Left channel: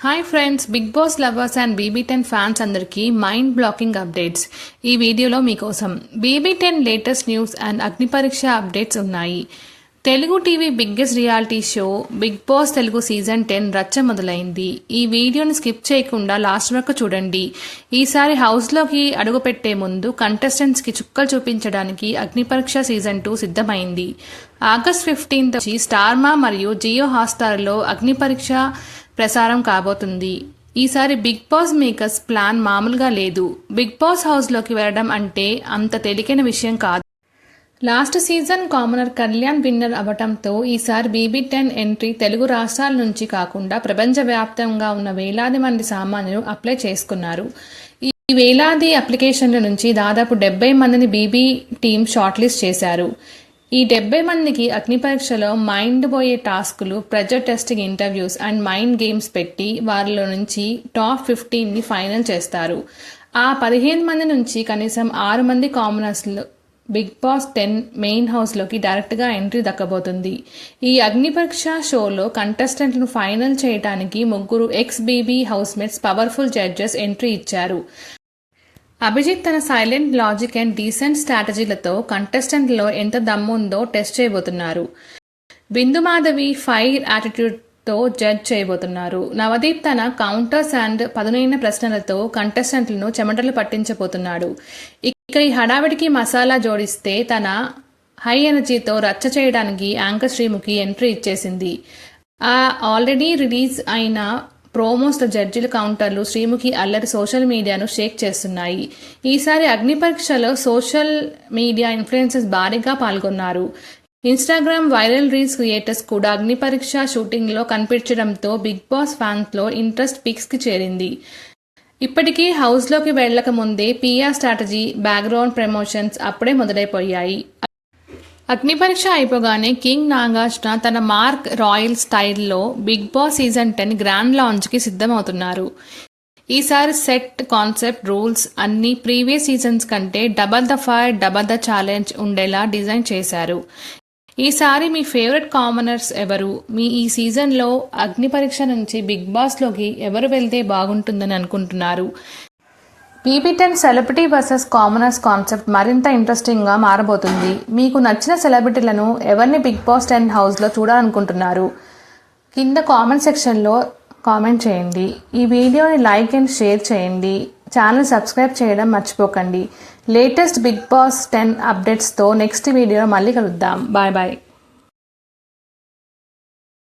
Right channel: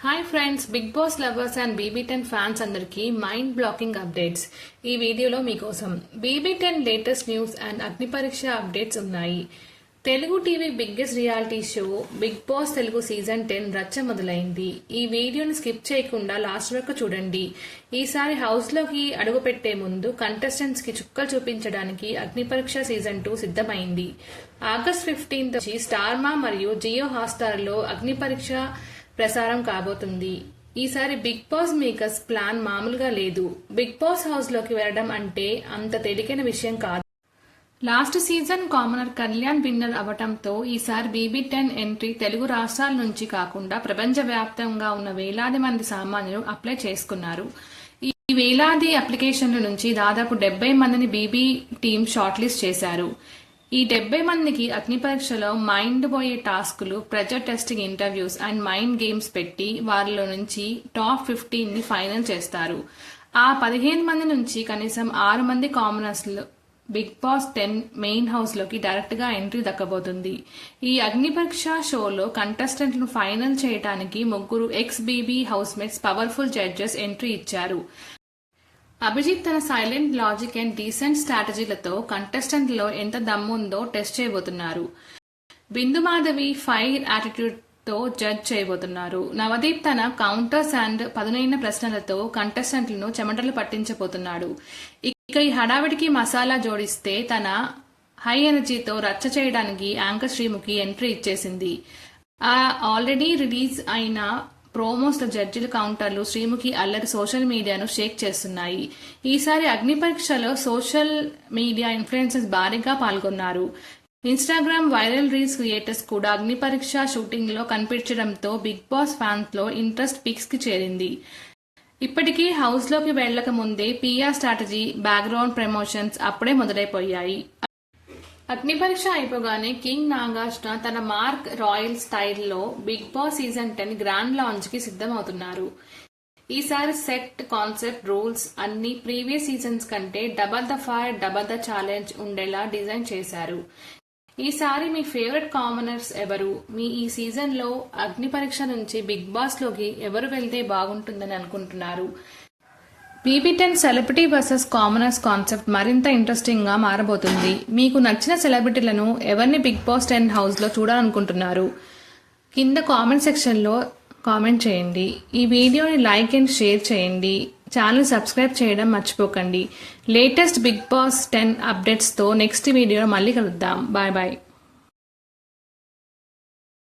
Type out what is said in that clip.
Hi friends, Bigg Boss lovers and BB10 fans అందరికీ mind blocking updates. ఈ వీడియోలో మీకోసం BB10 లేటెస్ట్ న్యూస్ అండ్ అగ్ని పరీక్ష అప్డేట్స్ ఉన్నాయి. Telugu TV biggest reality show Bigg Boss Telugu season 10 రచ్చ మొదలైంది. ఈ వీడియోని స్కిప్ చేయకుండా లాస్ట్ వరకు చూడండి. ఈసారి హౌస్లోకి అడుగుపెట్టే ముందు కంటెస్టెంట్స్కి చుక్కలు చూపించడానికి అగ్ని పరీక్ష సీజన్ 2 సిద్ధమైంది. ఆగస్ట్ 15 నుంచి స్టార్మా మరియు జియో హాట్స్టార్లో అగ్ని పరీక్ష ప్రసారం కాబోతుంది. ఈసారి బిగ్ బాస్ మేకర్స్ ప్లాన్ మామూలుగా లేదు. బిగ్ బాస్ హౌస్లోకి వెళ్ళడం అంటే అంత తేలికైన విషయం కాదు. Last season commoner Kalyan winner అవటంతో ఈసారి BB10 ఎంట్రీ తెలుగు రాష్ట్రాల నుంచి కాకుండా ప్రపంచవ్యాప్తంగా ఉన్న వేలాది మంది సామాన్యులు అప్లై చేసుకున్నారు. ఈ వేలాది అప్లికేషన్ల నుంచి దాదాపు 70 మందిని BB టీమ్ షార్ట్ లిస్ట్ చేశారు. ఈ 70 మందికి అగ్ని పరీక్షలో మైండ్ పోయే టాస్కులు, pressure testing interviews and mind games పెట్టి వారిలో నుంచి టాప్ 15ని ఫైనల్ చేస్తారు. ఆ 15 మంది నుంచి కనీసం 6 మంది కామనర్స్లు బిగ్ బాస్ 10 మెయిన్ హౌస్లోకి డైరెక్ట్గా ఎంట్రీ దక్కబోతుంది. ఈ అగ్ని పరీక్ష షోలో కంటెస్టెంట్లను ఫైనల్ చేయడానికి 3 ex-BB housemates powerful judges entry ఇచ్చారు. అభిజిత్ తన సైలెంట్ లాజిక్ అండ్ డీసెంట్ స్ట్రాటజీలతో కంటెస్టెంట్లో ఎంత దమ్ముందో టెస్ట్ చేయబోతున్నారు. బిందు మాధవి ఫైర్ యాటిట్యూడ్తో జడ్జ్ చేయబోతున్నారు. నవదీప్ తన కౌంటర్స్ అండ్ పదునైన ప్రశ్నలతో కంటెస్టెంట్లను చెమటలు పట్టించబోతున్నాడు. ఇక ఈ హడావిడికి మసాలా జోడిస్తే తన హై ఎనర్జీతో రచ్చ చేయడానికి యాంకర్ శ్రీముఖి ఎంట్రీ ఇచ్చేసింది. ఆల్రెడీ రిలీజ్ అయిన ప్రోమోస్ జడ్జిల కౌంటర్లు శ్రీముఖి అల్లరి సోషల్ మీడియాను షేక్ చేస్తున్నాయి. ఈసారి అగ్ని పరీక్షలో సోషల్ మీడియా ఇన్ఫ్లుయెన్సర్స్ భారీగా పాల్గొన్నారు. ఇన్స్టాగ్రామ్ వైరల్ రీల్స్ క్రియేటర్స్ కూడా అగ్ని పరీక్ష షూటింగ్లో కనిపించడంతో బిగ్ బాస్ ఫ్యాన్స్లో ఇంట్రెస్ట్ పీక్స్కి చేరింది. ఇప్పటికీ హౌస్లోకి వెళ్లక ముందే PR స్ట్రాటజీ, బ్యాక్గ్రౌండ్ ప్రమోషన్స్ అప్పుడే మొదలైపోయాయి. అగ్ని పరీక్ష అయిపోగానే కింగ్ నాగార్జున తన మార్క్ రాయల్ స్టైల్లో బిగ్ బాస్ సీజన్ 10 గ్రాండ్ లాంచ్కి సిద్ధమవుతున్నారు. ఈసారి సెట్, కాన్సెప్ట్, రూల్స్ అన్ని ప్రీవియస్ సీజన్స్ కంటే double the fire, double the challenge ఉండేలా డిజైన్ చేశారు. ఈసారి మీ ఫేవరెట్ కామనర్స్ ఎవరు? మీ ఈ సీజన్లో అగ్ని పరీక్ష నుంచి బిగ్ బాస్లోకి ఎవరు వెళ్తే బాగుంటుందని అనుకుంటున్నారు? BB10 celebrity versus commoners concept మరింత ఇంట్రెస్టింగ్గా మారబోతుంది. మీకు నచ్చిన సెలబ్రిటీలను ఎవరిని బిగ్ బాస్ 10 హౌస్లో చూడాలనుకుంటున్నారు? కింద కామెంట్ సెక్షన్లో కామెంట్ చేయండి. ఈ వీడియోని లైక్ అండ్ షేర్ చేయండి. ఛానల్ సబ్స్క్రైబ్ చేయడం మర్చిపోకండి. లేటెస్ట్ బిగ్ బాస్ 10 అప్డేట్స్తో నెక్స్ట్ వీడియోలో మళ్ళీ కలుద్దాం. Bye bye.